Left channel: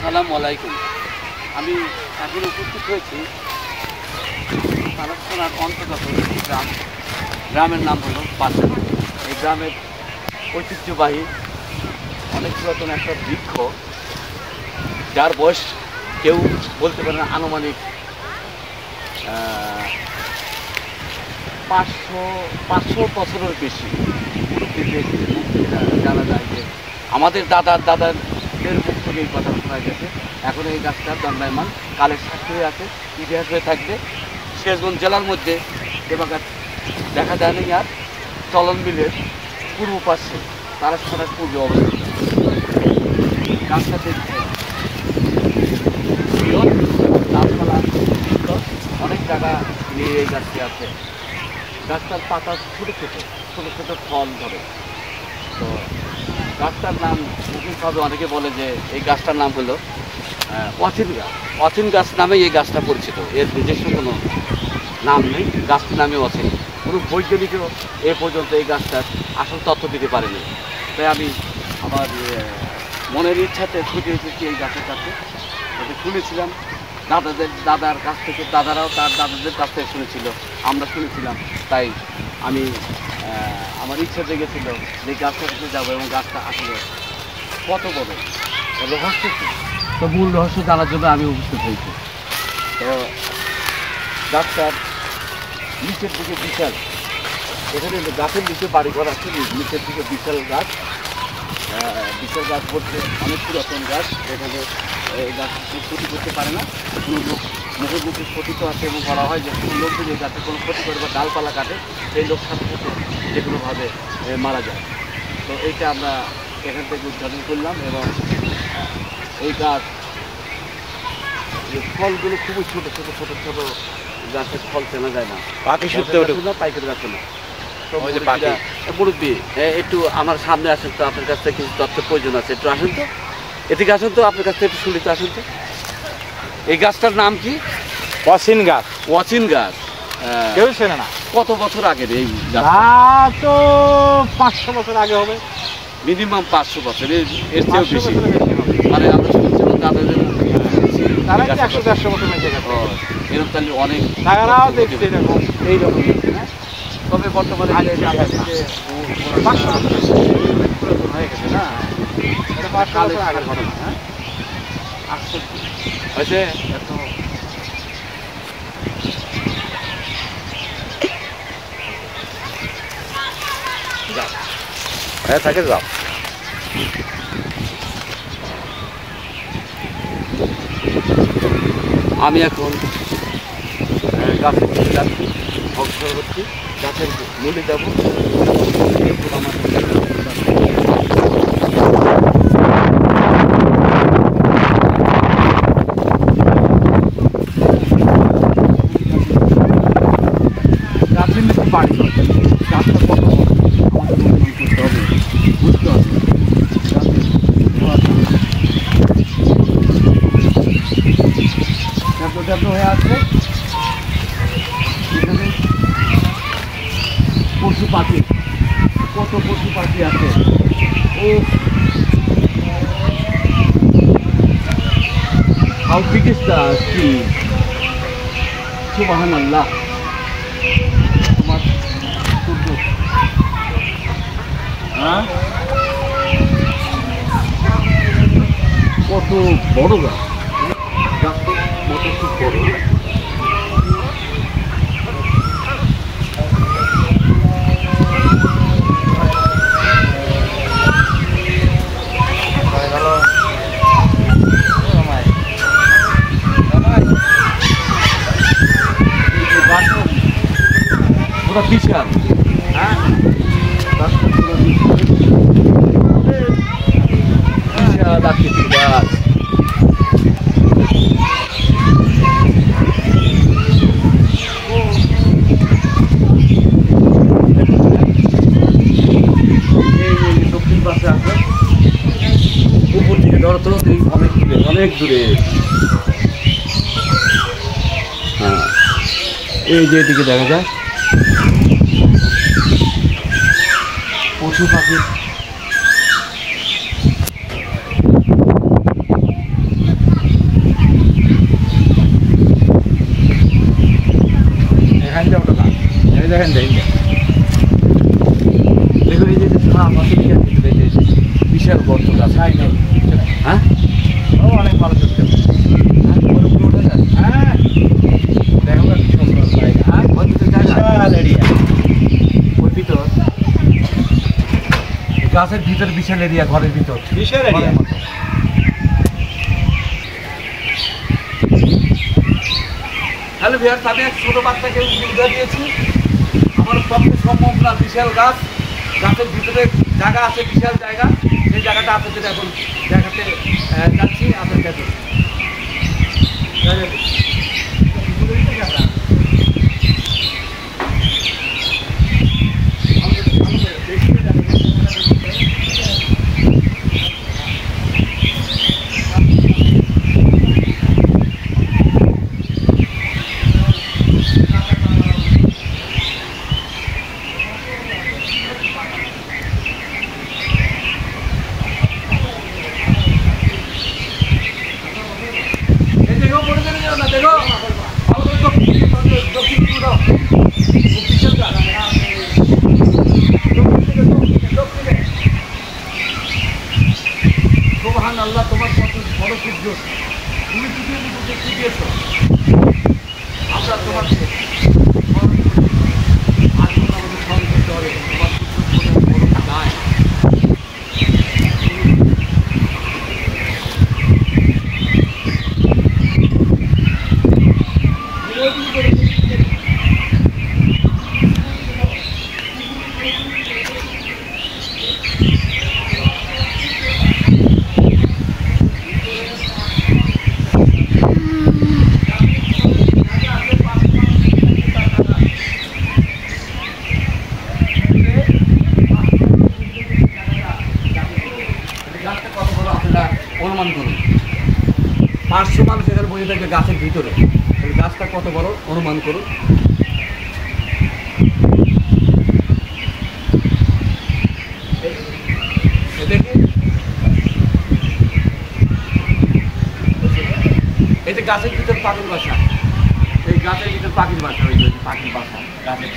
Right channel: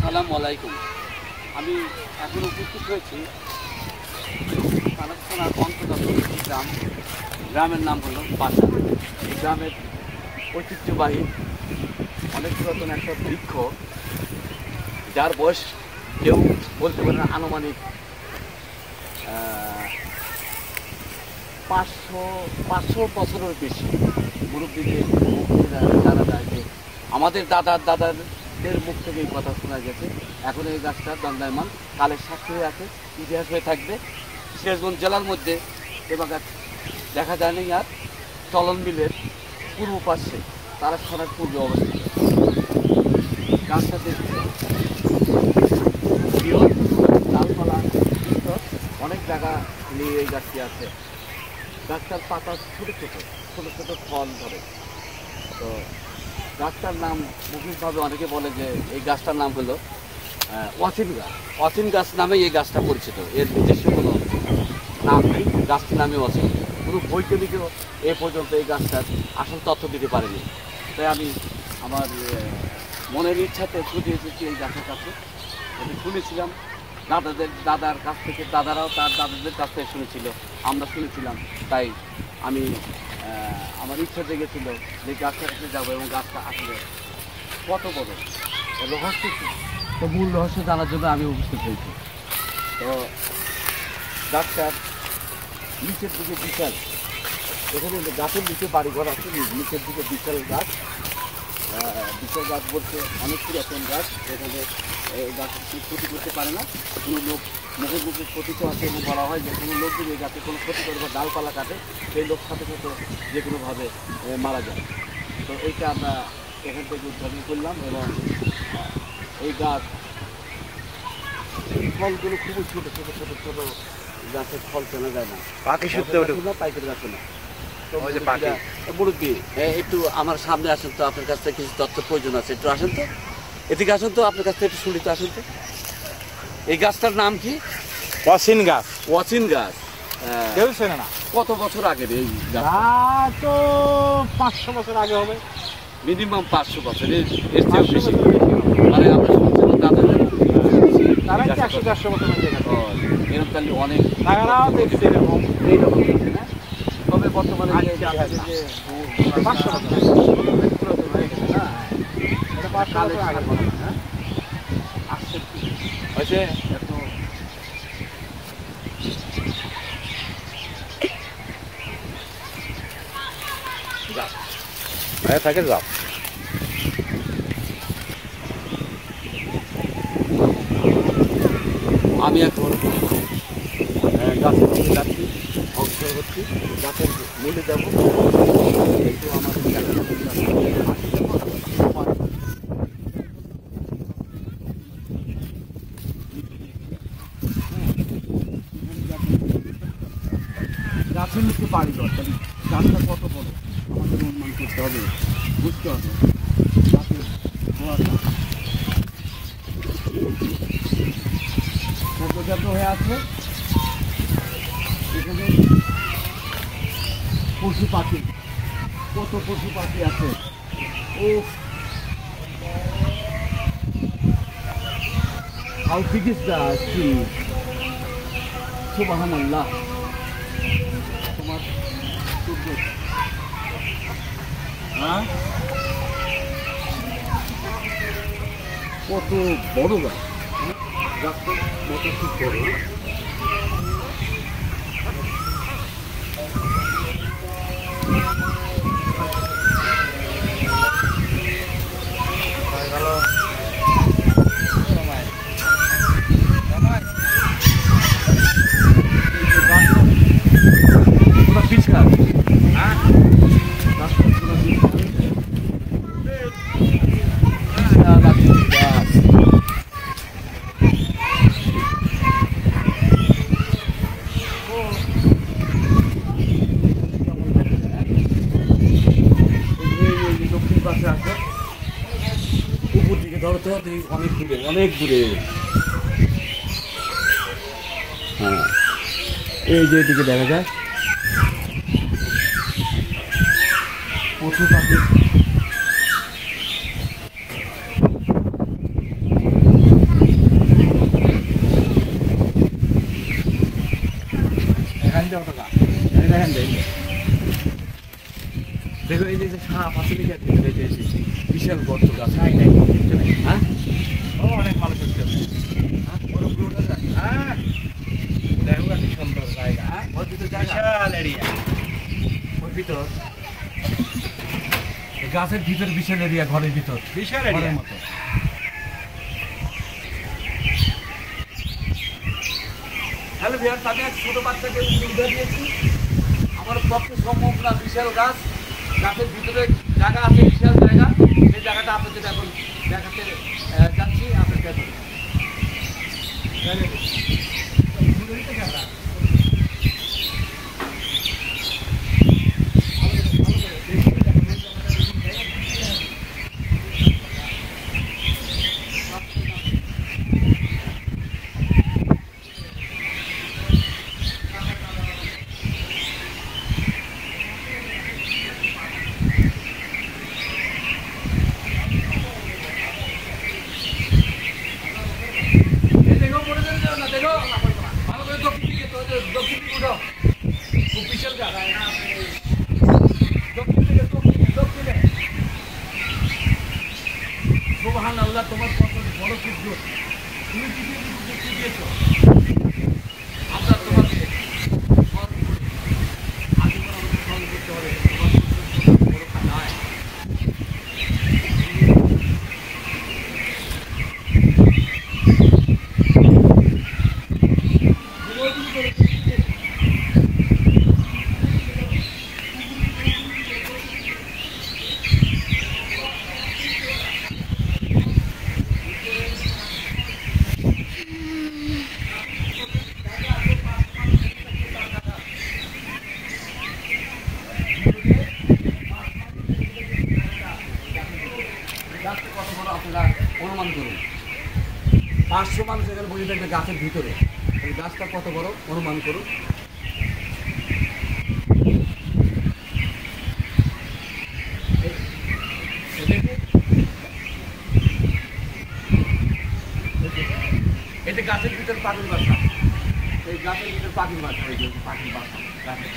আসসালামু আলাইকুম। আমি এখন উপস্থিত হয়েছি সালাদ থানার অন্তর্গত গ্রামের নাম হলো পাশা। এই গ্রামের ঐতিহ্যবাহী অনেক পুরাতন একটা বৃক্ষ, যার বয়স কেউ বলতে পারে না, আনুমানিক 500 বছরের বেশি। মুরব্বীদের মুখ থেকে জানা যায় যে আমাদের দাদাদের মুখ থেকে এই কথা শোনা গেছে। এখন এই গাছটা দণ্ডায়মান, কালের সাক্ষী হয়ে আছে, ইতিহাস হয়ে থাকবে। সিরাজগঞ্জ জেলার মধ্যে এ বাগান দেখা যায় না। আর চলন বিলের পূর্ব পাশে তারাস্থানার পূর্বে অবস্থিত। গাছটা দেখতে বৃহৎ, গাছপালা অনেক জায়গা নিয়ে এই গাছটি আছে। গাছটার পাতা ছোটো ছোটো ফল ধরে। তো গাছটার নাম মৌখিকভাবে অনেকে বলে যে এই গাছটার নাম হলো অচিন গাছ। অচিন গাছ নামে এই গাছটা পরিচিত, এর নিজস্ব কোনো নাম নেই। গাছটির নামে অচিন। কোনো বৈজ্ঞানিকও এ পর্যন্ত এই গাছটার আসল তথ্য দিতে পারেনি। তাই আমি আমার মনের ইচ্ছাতে ছুটে এসেছি এই গাছের কাছে। আমি শুনেছিলাম দাদার কাছ থেকে, দাদারাও তার দাদাদের কাছ থেকে শুনেছিল, আমরা শুনেছিলাম। তাই আমি আমার ইচ্ছা জেগেছিল যে গাছটার কাছে যাবো এবং গাছটা আসলে কত বড়, রহস্য তো মূল রহস্য জানার জন্য আমি উপস্থিত হয়েছি। তো গাছটার নিচের দিকে বিশাল, এখানে গাছের নিচে বাড়িঘর আছে, নিচের দিকে বিশাল গাছ বলতে অনেক পুরাতন গাছ। এখানে এই গাছ ক্ষতি করতে পারে না কোনো লোক, মুখে ক্ষতি আছে। এবং বলা হয় যে কোনো লোক যদি এই গাছের কোনো ক্ষতি করে বা ডালপালা কাটে, সেই লোক সাথে সাথে যে কোনোভাবে মারা যায়। তো এইটা আমরা এখান থেকে উদ্ঘাটন করলাম। এবং এই গাছ ফলগুলো খুবই ছোটো গাছের ফল চেনা যায় না, পাইকের গাছে না। মুরব্বী একটু আমার সামনে আসেন তো, আপনার কাছ থেকে কিছু তথ্যের প্রয়োজন আছে। একটু আসেন তো, এদিকে আসেন তো, আপনার কাছ থেকে একটু শুনিতে আসেন তো। এই গাছটার নাম কি? অচিন গাছ। অচিন গাছ কেউ চেনে না। কত বছর আগের এই গাছ? তো 500 বছর আগে হবে, মিনিমাম 500 বছর, এর চেয়েও বেশি। মানে আমরা শুনছিলাম দাদাদের মুখ থেকে শুনেছি 100-150 বছর বেঁচে গেছে। এরকম তাহলে অনেক তারাও দেখছে এরকম এইরকম দেখছে না। তবে বর্তমানে যে 500 বছর হয়ে গেছে না, এটা 500 বছর আগের ঘটনা। হ্যাঁ, হয়েছে এত হ্যাঁ থাকে যাও। আমি এখন গাছের দিকে যাচ্ছি, অগ্রসর হচ্ছি, গাছের মূলে যাব। একটু আমাদের গাছের নিচে বাড়ি ঘর, গাছটা কত আমাদের অনুমান করতে হবে, বুঝতে হবে। গাছের হয়ে আছে এখানে পশু পাখি, কত পশু পাখি আছে। ও how big is the tree, সুবহানাল্লাহ। তোমার সূর্য, হ্যাঁ, কত বড় গাছ, গাছটা মতো খুব বড়। পুরো বিশাল, হ্যাঁ, গাছটা পুরো বিশাল আকৃতির গাছ। দক্ষিণ পাশে আছে, উপর দিকে ধরো তো অনেক দূরে। হ্যাঁ, এই যে এদিকে দেখা যায় পশু পাখি দেন দেন দেখো এই যে সাপ আছে বিশাল গর্ত গাছ নাই নাই কিছু নাই হ্যাঁ ও অনেক ভালো করতে হ্যাঁ দেখো না কি সুন্দর জায়গা আর ওর ভিতরে জায়গা বিশাল এরিয়া ওর ভিতর গাছের ভিতর বিশাল এরিয়া ঘরের ভিতর বিশাল ঘরের এরিয়া মতো। হ্যালো ভিয়ার তাদের এক ছোটো বাচ্চাকে সুবিধা দিয়েছি আমার পক্ষে সম্ভব না বিশাল গাছ গাছের ভিতরে জায়গা আছে বিশাল জায়গা সেই জায়গাটা আপনাদের এখন দেখাতে যাচ্ছি আপনার কাছে দেখো মনে করে যাও না দেখো ভালো করে দক্ষিণ পুরো বিশাল গাছ দক্ষিণে সুবহান আল্লাহ তোমার কত বড় সূর্য তুমি পৃথিবীর দেখতে দিয়েছো আমরা তোমাকে নাই গাছটা কত বড় আপনারা অনুমান করুন 500 মানুষ এখানে বসে থাকবে গাছের ভিতরে তাহলে গাছটা কত বড় অনুমান করুন দেখি এই যে গাছের ভিতর পাখির বাসা এই গাছের ভিতর পাখির বাসা ওই যে পাখির বাসা গাছের